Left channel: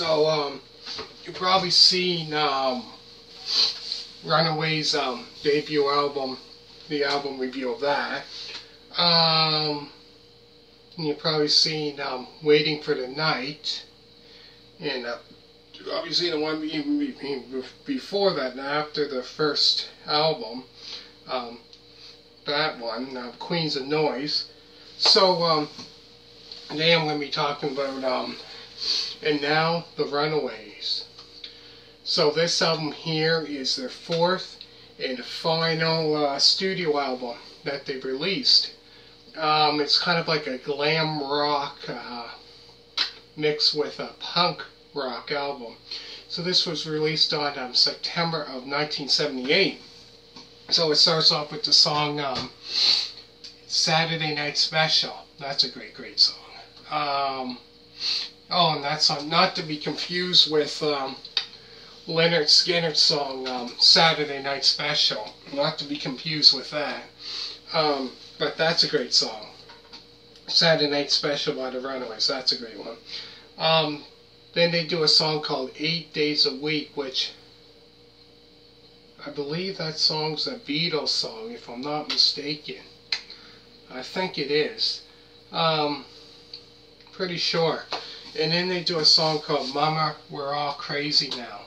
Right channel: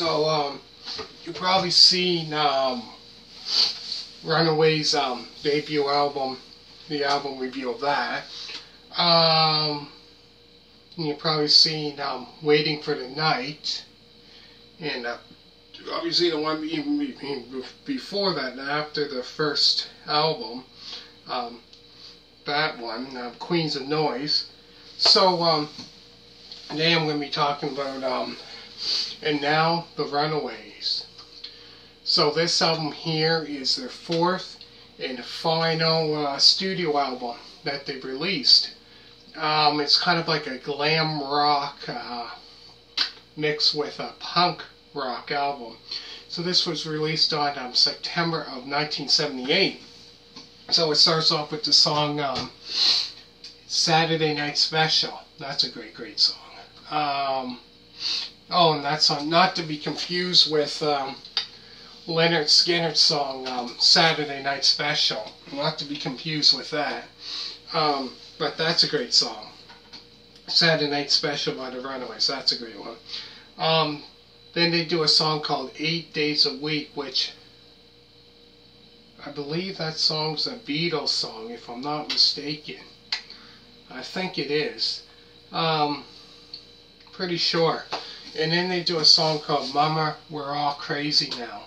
So, you've probably seen Runaways' debut album, the album review of that. And you've probably seen Waiting for the Night. And you've probably seen the one even before that, and after the first album. That one, Queens of Noise. So, today I'm going to be talking about And Now the Runaways. So this album here is their fourth and final studio album that they've released. It's kind of like a glam rock mixed with a punk rock album. So this was released on September of 1978. So it starts off with the song Saturday Night Special. That's a great song. Oh, and that song, not to be confused with Leonard Skinner's song Saturday Night Special. Not to be confused with that. But that's a great song. Saturday Night Special by the Runaways. That's a great one. Then they do a song called 8 Days a Week, which I believe that song's a Beatles song, if I'm not mistaken. I think it is. Pretty sure. And then they do a song called Mama, We're All Crazy Now.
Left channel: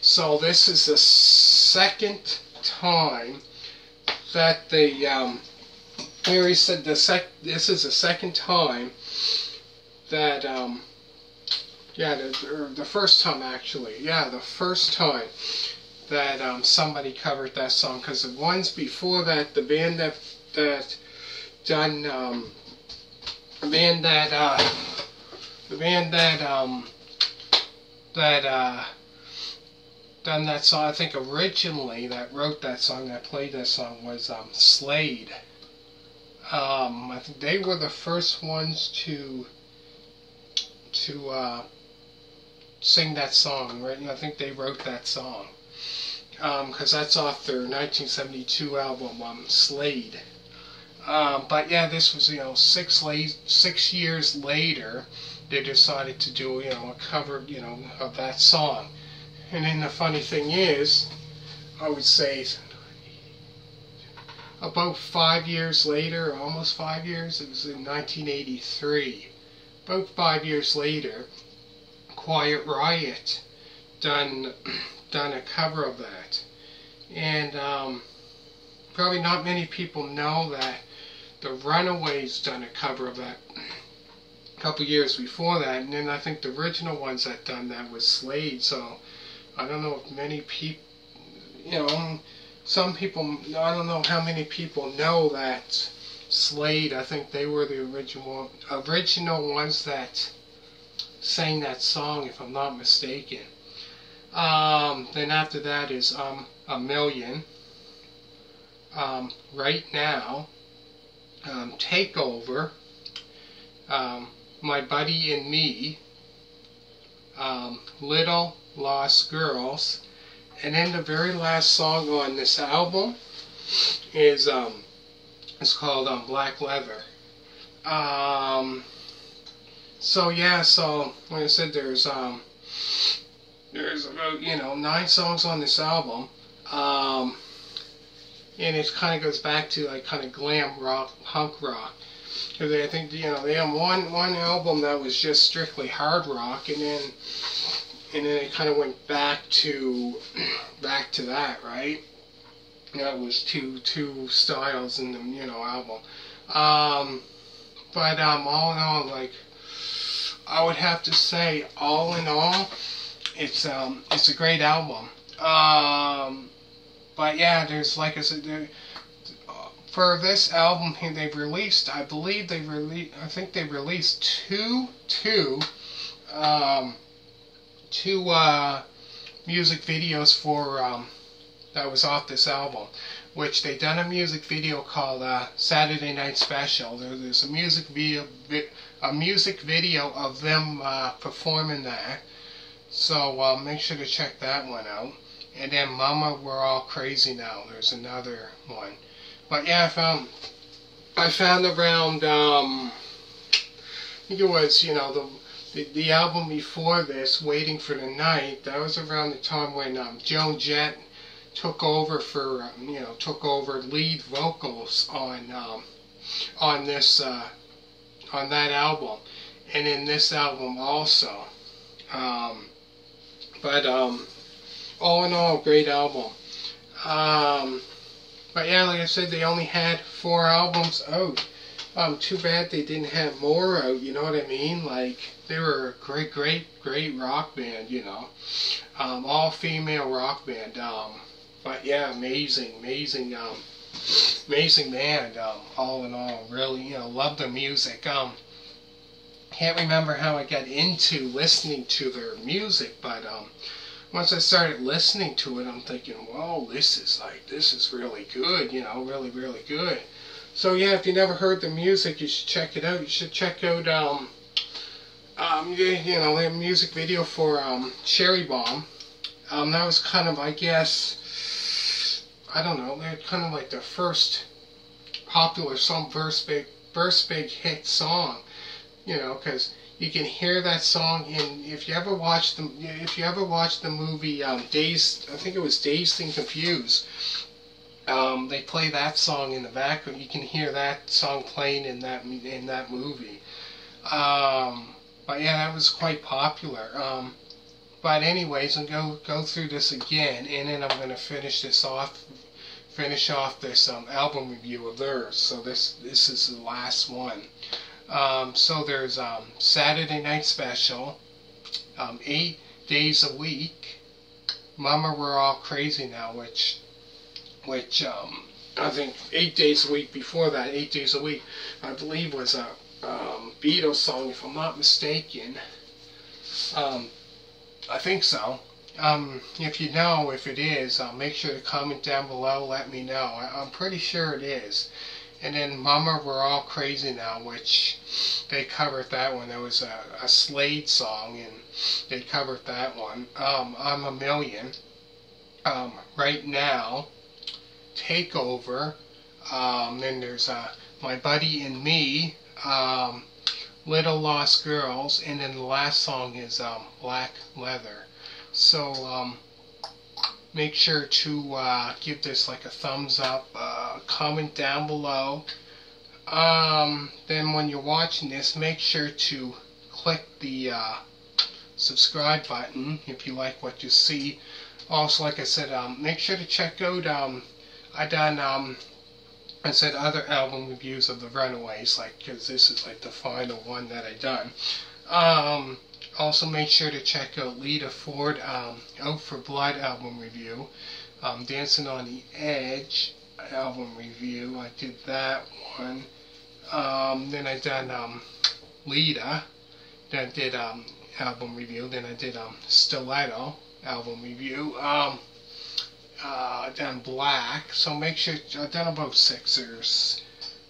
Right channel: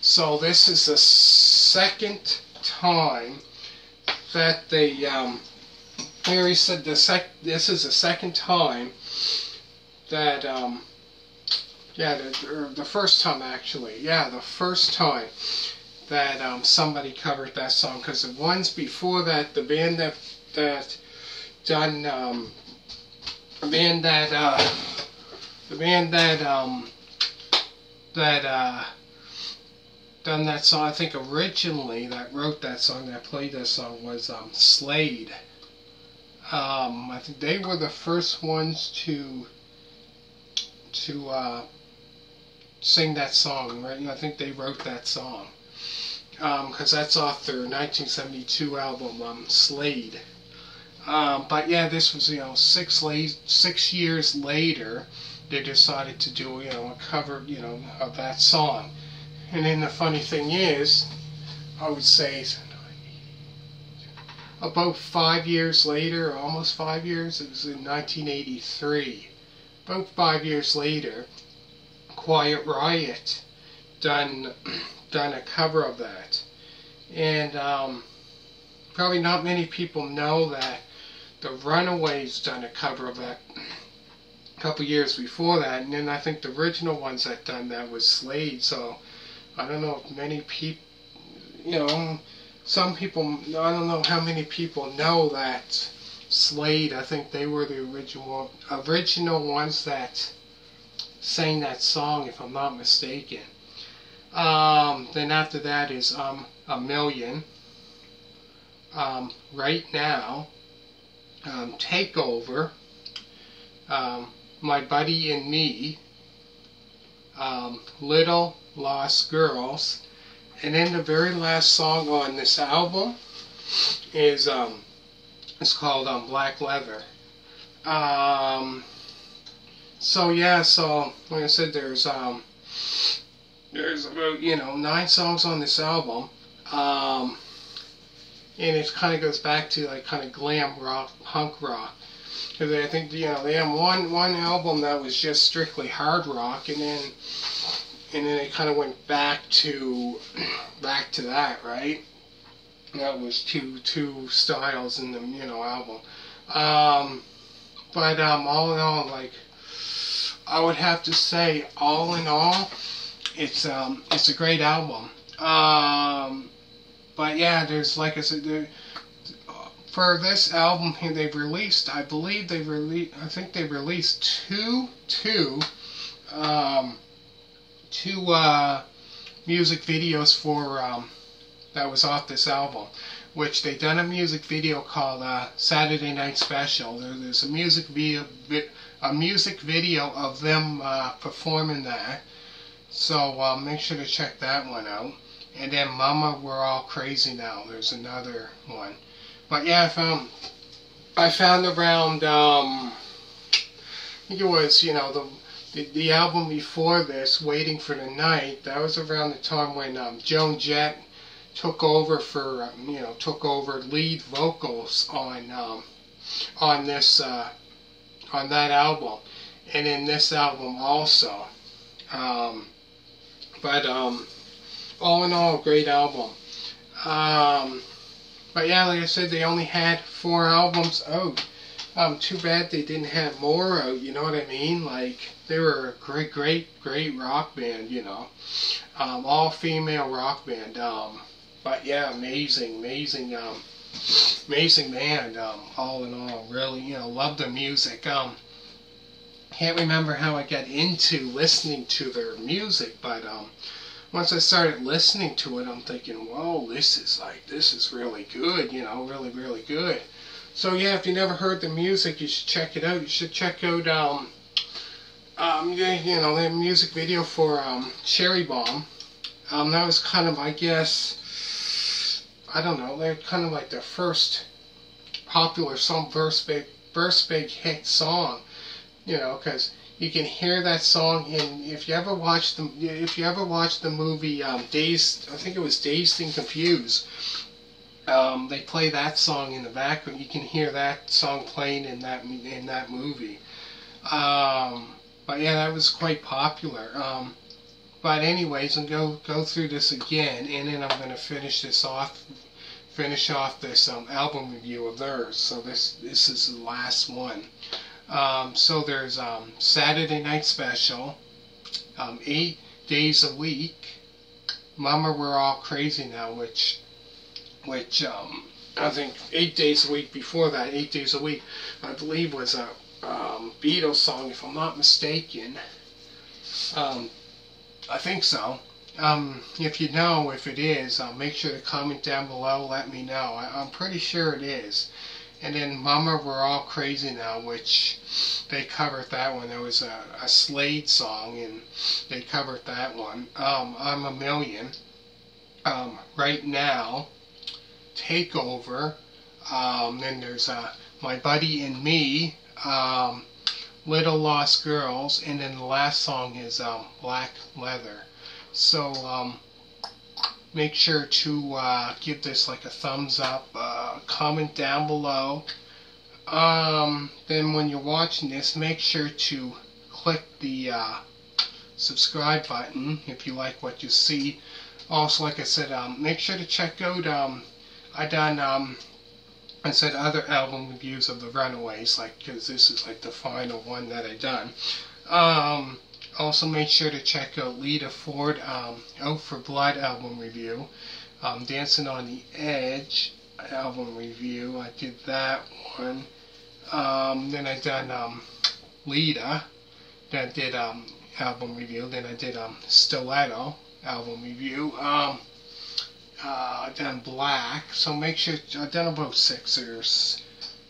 So this is the second time that they, Larry said this is the second time that, the first time actually, the first time that somebody covered that song, because the ones before that, the band that done done that song, I think originally that wrote that song, that played that song, was Slade. I think they were the first ones to sing that song, right? And I think they wrote that song. Because that's off their 1972 album, Slade. But yeah, this was, 6 years later, they decided to do, a cover, of that song. And then the funny thing is, I would say, about 5 years later, almost 5 years, it was in 1983. About 5 years later, Quiet Riot done a cover of that. And probably not many people know that the Runaways done a cover of that a couple years before that, and then I think the original ones that done that was Slade. So I don't know if many people, some people, I don't know how many people know that Slade, I think they were the original ones that sang that song, if I'm not mistaken. Then after that is A Million, Right Now, Takeover, My Buddy and Me, Little Lost Girls, and then the very last song on this album is it's called Black Leather. So yeah, so like I said, there's about 9 songs on this album, and it kind of goes back to like kind of glam rock, punk rock, because I think they have one album that was just strictly hard rock, and then they kind of went back to that, right? That was two styles in the album. But all in all, like, I would have to say, all in all, it's a great album. But yeah, there's, like I said, for this album here, they've released, I think they released two music videos for that was off this album, which they done a music video called Saturday Night Special. There's a music video of them performing that. So make sure to check that one out. And then Mama, We're All Crazy Now. There's another one. But yeah, I found around, I think it was, the the album before this, Waiting for the Night, that was around the time when Joan Jett took over for took over lead vocals on this on that album, and in this album also. But all in all, great album. But yeah, like I said, they only had 4 albums out. Too bad they didn't have more out, you know what I mean? Like, they were a great rock band, you know. All female rock band. But yeah, amazing band, all in all. Really, love the music. Can't remember how I got into listening to their music, but once I started listening to it, I'm thinking, whoa, this is really good, really good. So yeah, if you never heard the music, you should check it out. You should check out the music video for Cherry Bomb. That was kind of, I guess, I don't know, they're kind of like their first popular song, first big hit song, because you can hear that song in, if you ever watched the movie Dazed, I think it was Dazed and Confused. They play that song in the background. You can hear that song playing in that movie. But yeah, that was quite popular. But anyways, I'm going to go through this again, and then I'm going to finish off this album review of theirs. So this is the last one. So there's Saturday Night Special, 8 Days a Week, Mama We're All Crazy Now, which I think 8 Days a Week before that, 8 Days a Week, I believe was a Beatles song, if I'm not mistaken. I think so. If you know if it is, make sure to comment down below, let me know. I'm pretty sure it is. And then Mama We're All Crazy Now, which they covered that one. That was a Slade song, and they covered that one. I'm a Million. Right Now, Takeover. Then there's My Buddy and Me, Little Lost Girls, and then the last song is Black Leather. So make sure to give this like a thumbs up, comment down below. Then when you're watching this, make sure to click the subscribe button if you like what you see. Also, like I said, make sure to check out I said other album reviews of the Runaways, because this is like the final one that I done. Also make sure to check out Lita Ford, Out for Blood album review, Dancing on the Edge album review. I did that one. Then I done Lita, then I did album review. Then I did Stiletto album review. Done Black, so make sure, I've done about 6 or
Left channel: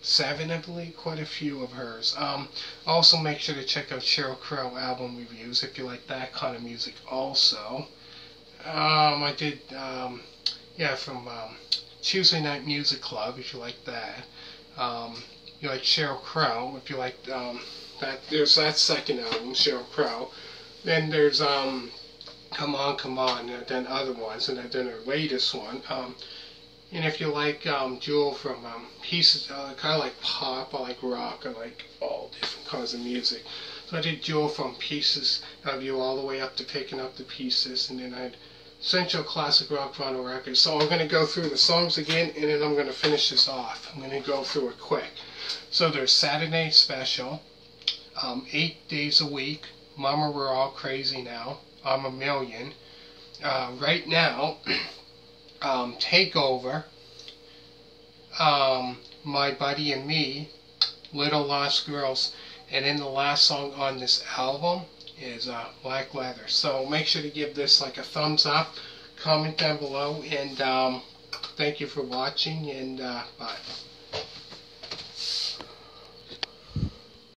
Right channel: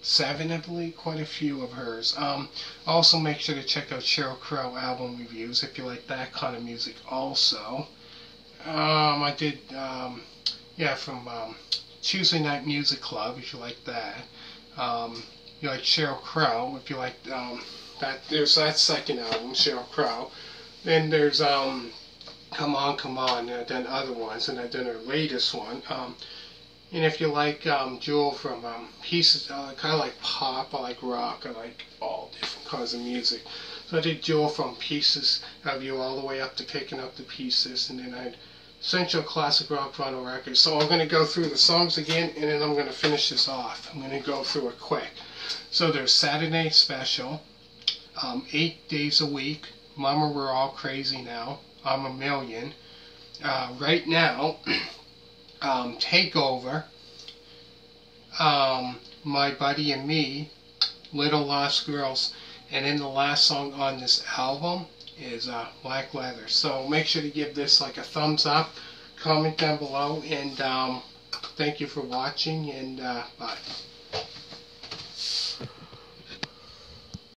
7, I believe, quite a few of hers. Also make sure to check out Sheryl Crow album reviews if you like that kind of music also. I did, from Tuesday Night Music Club, if you like that. You like Sheryl Crow, if you like that, there's that second album, Sheryl Crow. Then there's Come On, and I've done other ones, and I've done her latest one. And if you like Jewel from Pieces, kind of like pop, I like rock, I like all different kinds of music. So I did Jewel from Pieces of You all the way up to Picking Up the Pieces, and then I had Central Classic Rock Vinyl Records. So I'm going to go through the songs again, and then I'm going to finish this off. I'm going to go through it quick. So there's Saturday Special, 8 Days a Week, Mama We're All Crazy Now, I'm a Million, Right Now, Takeover, My Buddy and Me, Little Lost Girls, and then the last song on this album is Black Leather. So make sure to give this like a thumbs up, comment down below, and thank you for watching, and bye.